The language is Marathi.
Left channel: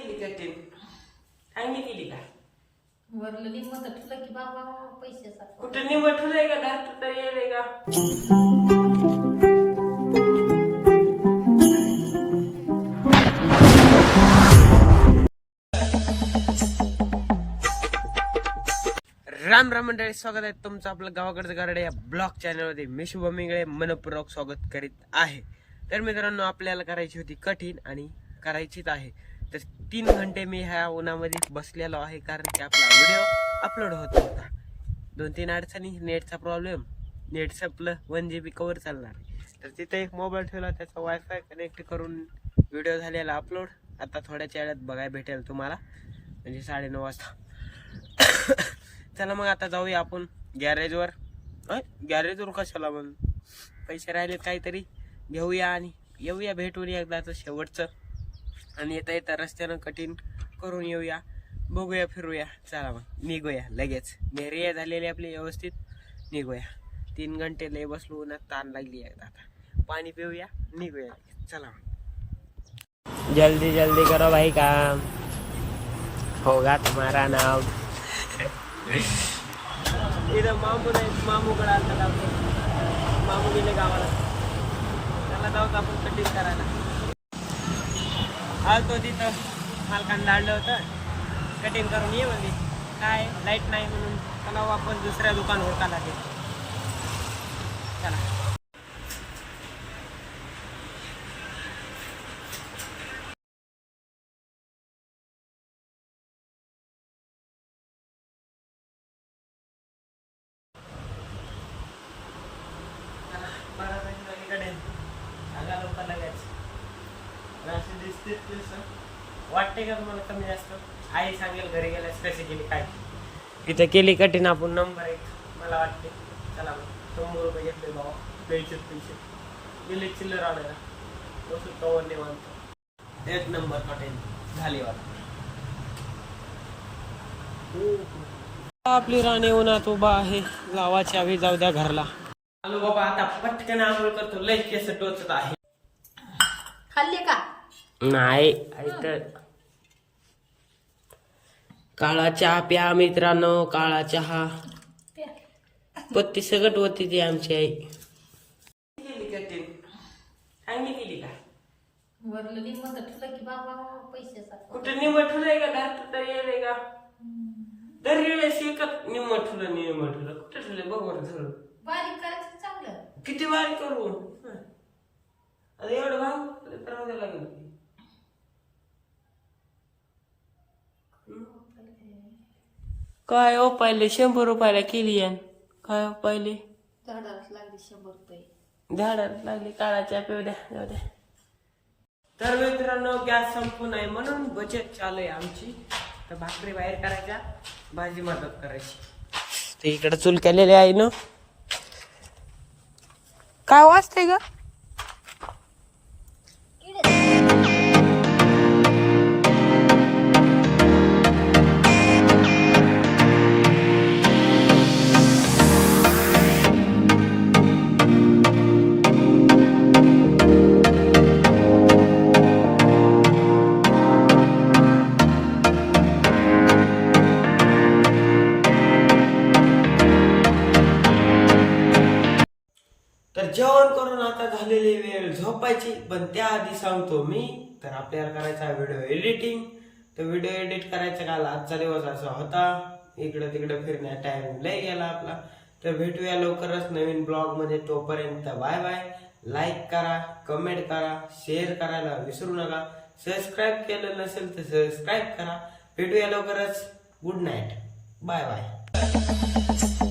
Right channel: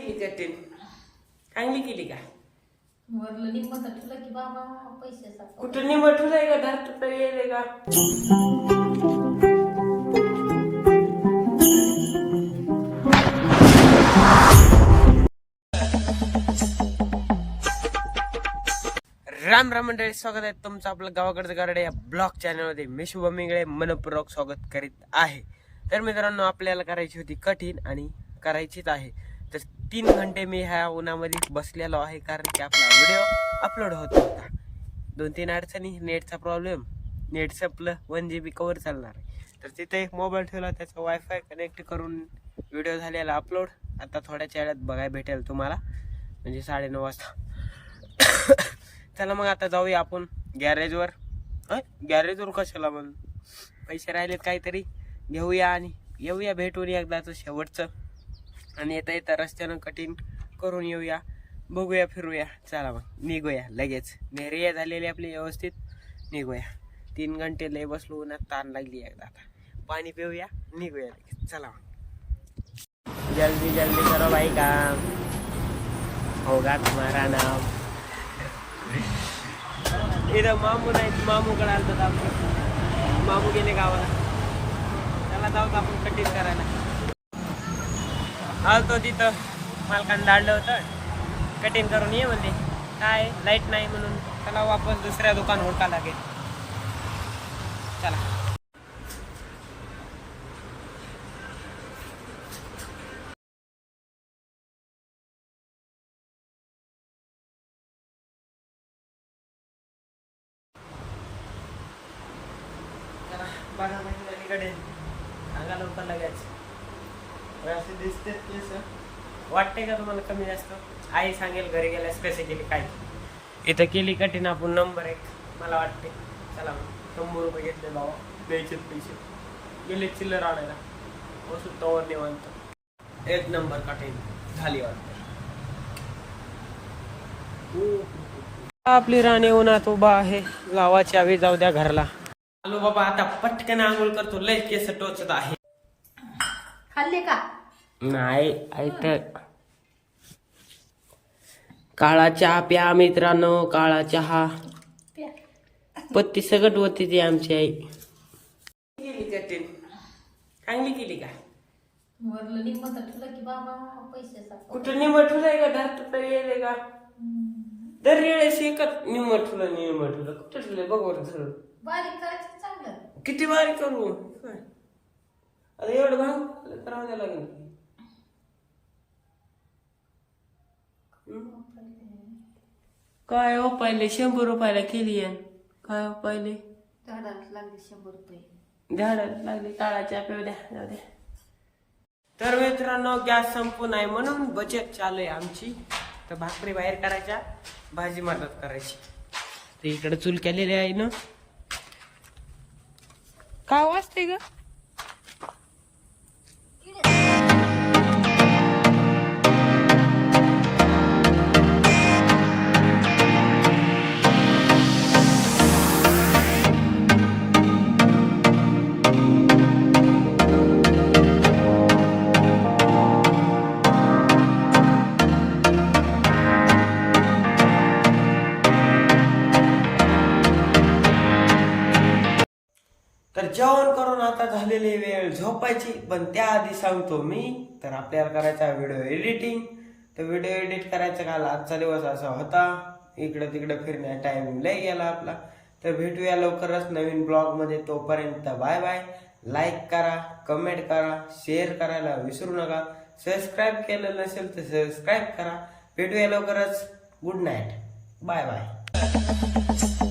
केली कठीण चांगली केली का? वरलं की बाबा कुठं निमट ठुलंय का धार तर येईल का राम राम मंडळी स्वागत आहे तुमचं आपलं गावाकडचं गारडे या ब्लॉग चॅनलमध्ये. मी शुभम इंगळे मनपूर्वक स्वागत करीत आहे. तर मित्रांनो आपल्याला करायची होती कठीण आणि करायचीच आहे. तर तीन घंटे मी ह्या उन्हामध्ये बसलेलो आहे कारण की आपला व्हिडिओ अपलोड होत होता. दोन तीन अडचणी नेटचा प्रॉब्लेम नेट संपलं वन जी बी कवर चालणार तर तिथे एक मोबाईल ठेवला त्याचा वायफाय कनेक्ट करून व्हिडिओ झालेला अपलोड आता थोड्याच वेळात बघायला भेटेल तुम्हाला. म्हणजे साडेनऊ वाजता. चला मग आता जाऊया आपण गॅरेजवर गॅरेजवर कशाला मग? पैसे राहिलेत काहीतरी. घेऊया आणि येऊया भेटून एकदाचं शेवटचं. आणि येता येता रस्त्यानं कठीण करून येऊया. बघूया फिरूया. चला मग निघूया लगेच. नेरिया झालेली आपली व्यवस्थित निघूया. तीन घंटे लय बसलो उन्हात ताण लागली एकदा आता. पाणी पिऊया निघूया लगेच. चला मग. जल्दी जल्दी करो भाई काम. होगा तुम्हारा नाम इथं मामू नाही मामूकडे आलतात आपण मामू गेले गावाला. त्याला जाऊत आपण कटिंग करायला. आलतो तिथं. मालकानं दाडलं होतं. कटिंग करून ये म्हणजे काय? लाइट नाही म्हणून चला वापस दुसऱ्या दुकान ओळखा लागेल. चला. बारा सांगा लवकर लगेच. असे दिसते तेच वाटते का तुम्हाला कमी जास्त? आई सांगेल घरी गेल्यास पैसे केले काय. इथं केली कठीण आपण नंबर एक. मला वाटते चला मग. शंभर रुपये घेतले बाबा द्यायचे पैसे. गेले चिल्लर आणायला. वस्तू तवर निवांत. एक नंबर कठीण. झाली वाटतं. आपली राणी उन्हात उभा आहे. लावाची आवी जाऊ द्या घरला. आलो बाबा आता पटकन आंघोळ करतो. लय केस टोचत आहे. खाल्ले का? नाही. ऐकते काळा चहा प्या मित्रांनो काळा चहा. पत्ती सगट होती ती आमची आई. केली कठीण चांगली केली का? वरलं लिंब तर तुला की बाबा पैशाचा कुठं निमट ठुलंय का? धार तर येईल का? दर वेळेस एकच निमट ठुलं निमट ठुलं. कुठं ठुलंय? बघ बरं धरून. बारीक करायचं चांगलं. किती वारी करू? हं. आता एवढं करावं द्यावं लागेल. काय हो पहिले शंभर रुपयाला केली आहे काय हो पहिले झाडालाच लागले शंभर रुपये. झाडात लागली. काळाच्या पिऊ द्या जाऊ द्या. तर मित्रांनो गॅस संपून आहे म्हणून बचत चालू आहे आमची. तर भाकरी बाहेर करायच्या भाजी मदत करायची. तर इकडे चूल केलेली आहे ना. काय वाजतंय का तर जेवण करून आता झालेली वेळ झोपायची. पण त्याआधी सांगतो मी तर आपल्याला करायचा व्हिडिओ एडिटिंग तर व्हिडिओ एडिट करायचा काल आजचा दिवस असा होता. इकडं तिकडं फिरण्या टाइम लय गेला आपला. तर भेटूया लवकरच नवीन ब्लॉगमध्ये. तोपर्यंत बाय बाय लाईक करा कमेंट करा शेअर करायला विसरू नका. सबस्क्राईब केलं नसेल तर सबस्क्राईब करा. भेटूया लवकरच. Good night bye bye